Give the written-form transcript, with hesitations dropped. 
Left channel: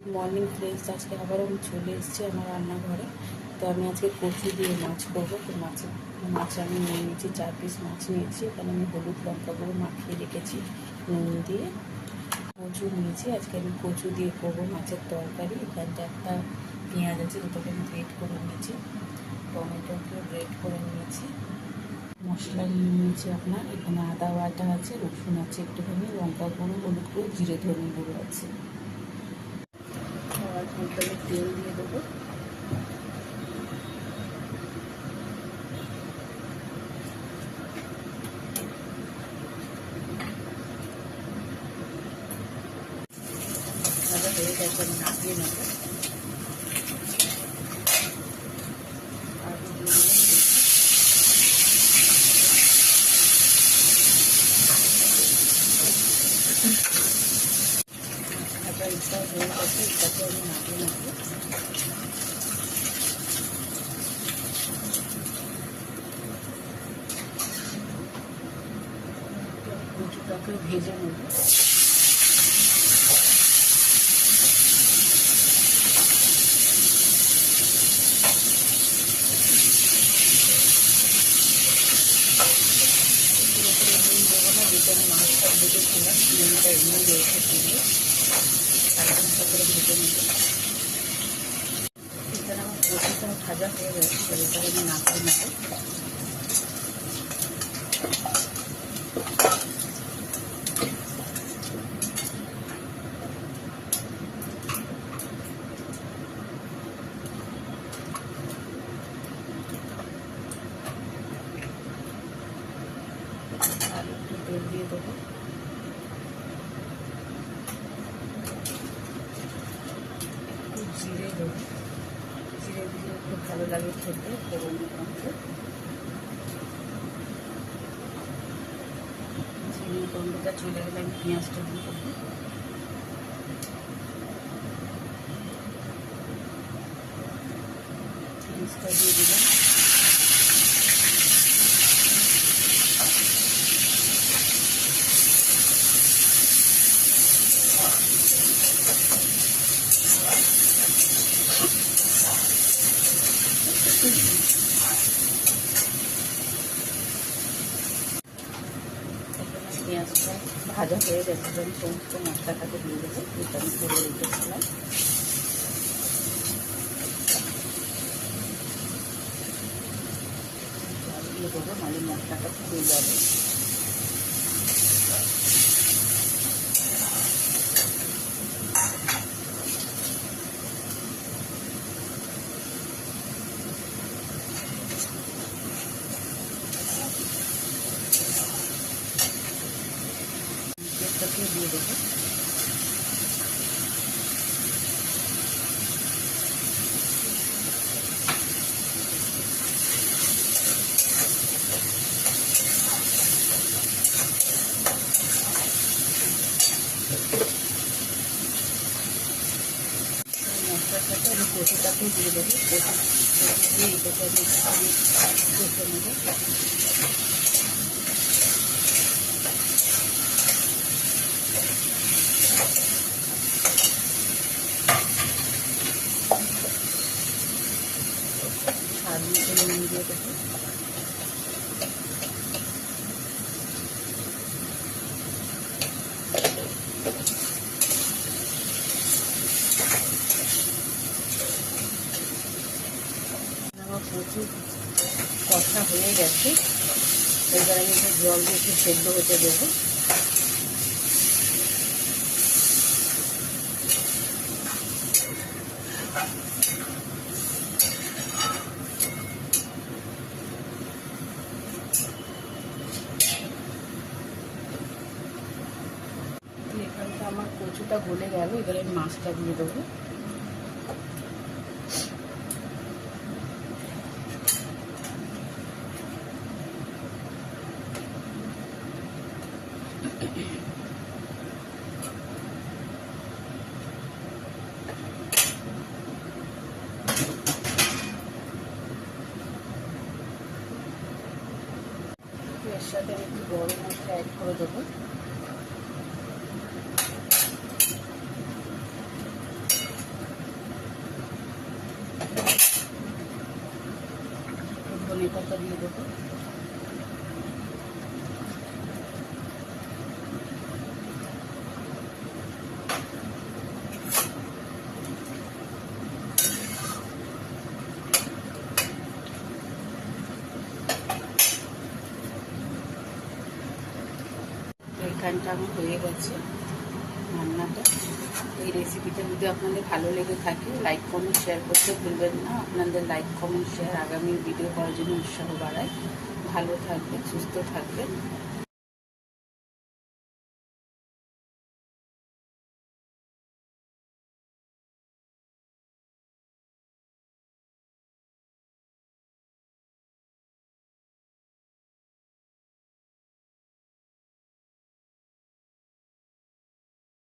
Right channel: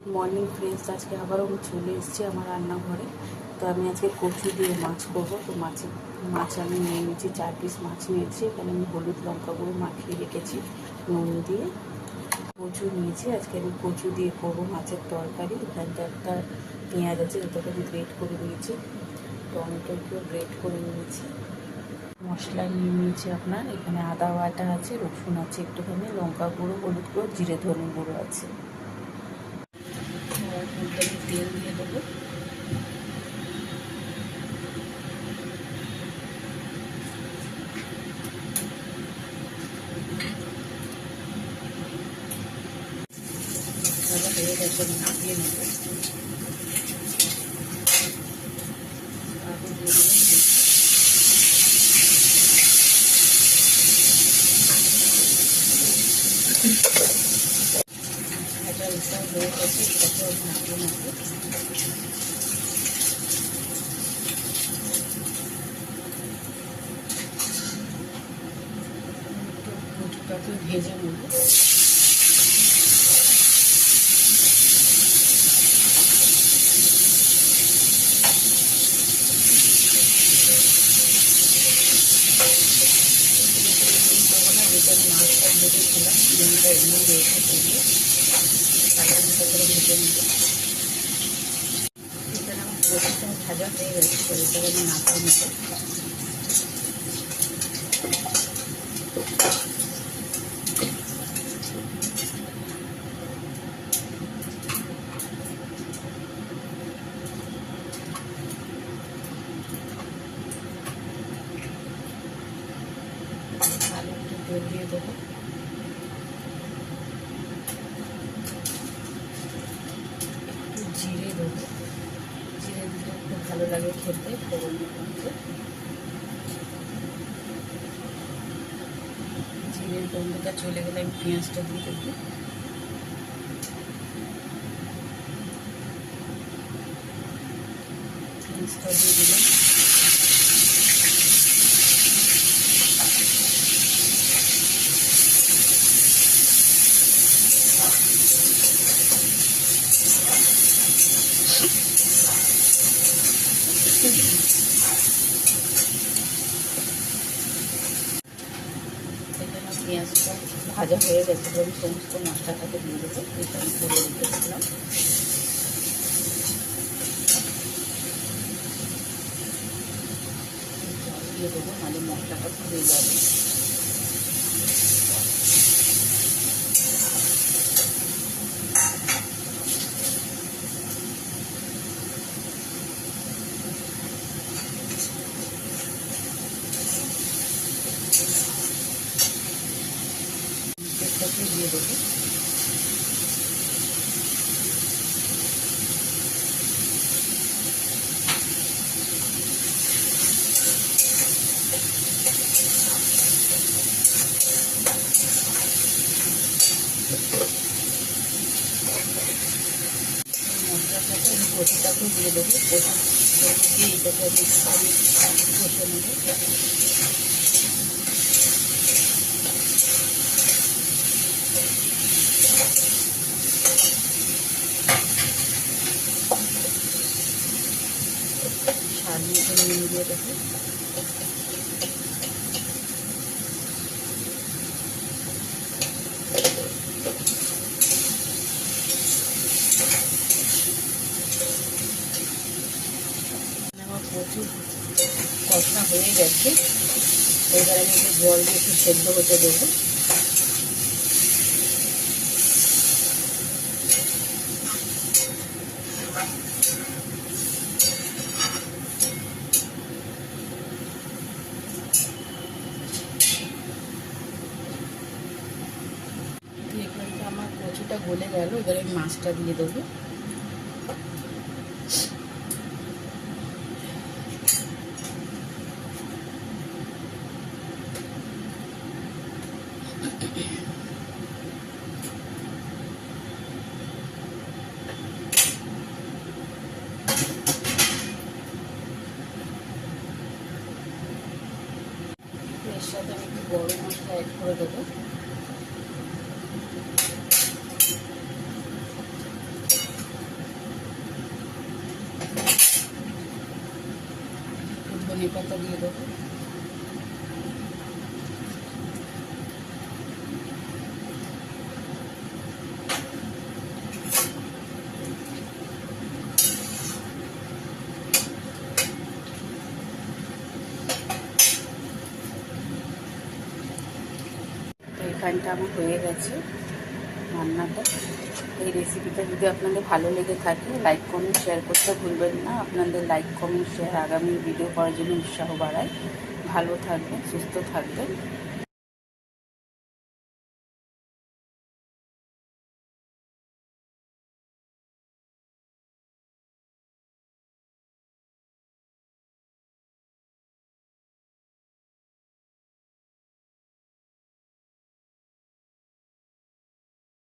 Morning friends, আজকে আবারও আমি চলে এসেছি আমার রান্নাঘরে। তো আমি আজকে কচু দিয়ে মাছ করবো। তো মাছ আমি নিয়ে নিয়েছি, 4 পিস মাছ নিয়েছি। এখানে আমি হলুদ লঙ্কা গুঁড়ো মাখিয়ে রেখেছি নুন দিয়ে। কচু নিয়েছি, আজকে আমি কচু দিয়ে করবো মাছের তরকারি। এখানটা একটা পেঁয়াজ আছে, যেটাকে আমি গ্রেট করে নিয়েছি। টমেটোকেও গ্রেট করে নিয়েছি। মশলা নিয়ে নিয়েছি আপনার, এখানে আদা বাটা আছে, রসুন আছে একটুখানি, লঙ্কা গুঁড়ো, হলুদ গুঁড়ো, জিরে ধনে গুঁড়ো আছে। মধ্যে আমি তেল দিয়ে দেবো। ভাজা হয়ে গেছে, আমি নামিয়ে নেব। আলু দিয়ে দিলাম দেখি। ভাজা উল্টাও হয়ে গেছে, এটাকে আমি নামিয়ে নেব। কচুটাকেও ভেজে নেব। নুন দেবো না, যেটা আমি মাছটা ভেজেছিলাম নুনটা এমনি রয়েছে দিয়ে হালকা করে ভেজে নেব। এখানে আমার কচুটা ভাজা হয়ে গেছে, এবার এটাকে আমি নামিয়ে নেব। আর একটু তেল দিয়ে দেবো। একটু জিরে দেবো, জিরে দিলে একটু ভালো লাগে খেতে ফোড়নের মধ্যে। জিরের গন্ধটা চলে গেলে আমি পেঁয়াজটা দিয়ে দেবো। পেঁয়াজটা দিয়ে দিলাম। পেঁয়াজটা ভাজা হয়ে গেছে, আমি সমস্ত মশলাটাকে দিয়ে দেবো। এটা আমি করে রেখেছিলাম। জল দিয়ে দেবো, নাহলে মশলাটা পুড়ে যাবে। পেঁয়াজটাকে দিয়ে দেবো। মশলার সাথে আমি কচুটাকেও দিয়ে দেবো। কচু দিয়ে এটাকে আমি কষে নেব। স্বাদ মতো নুন দিয়ে দেবো। আমার প্রচুর কষা হয়ে গেছে, এবার আমি একটু জল দিয়ে একটু সেদ্ধ হতে দেবো। এখানটা আমার কচুটা গলে গেল, এবার আমি মাছটা দিয়ে দেবো। এর সাথে আমি একটু গরম মশলা অ্যাড করে দেবো। ধনে পাতা দিয়ে দেবো। এখানটা আমার হয়ে গেছে রান্নাটা। এই রেসিপিটা যদি আপনাদের ভালো লেগে থাকে লাইক কমেন্ট শেয়ার করতে ভুলবেন না। আপনাদের লাইক কমেন্ট শেয়ার আগামী ভিডিও করার জন্য উৎসাহ বাড়ায়। ভালো থাকবেন, সুস্থ থাকবেন।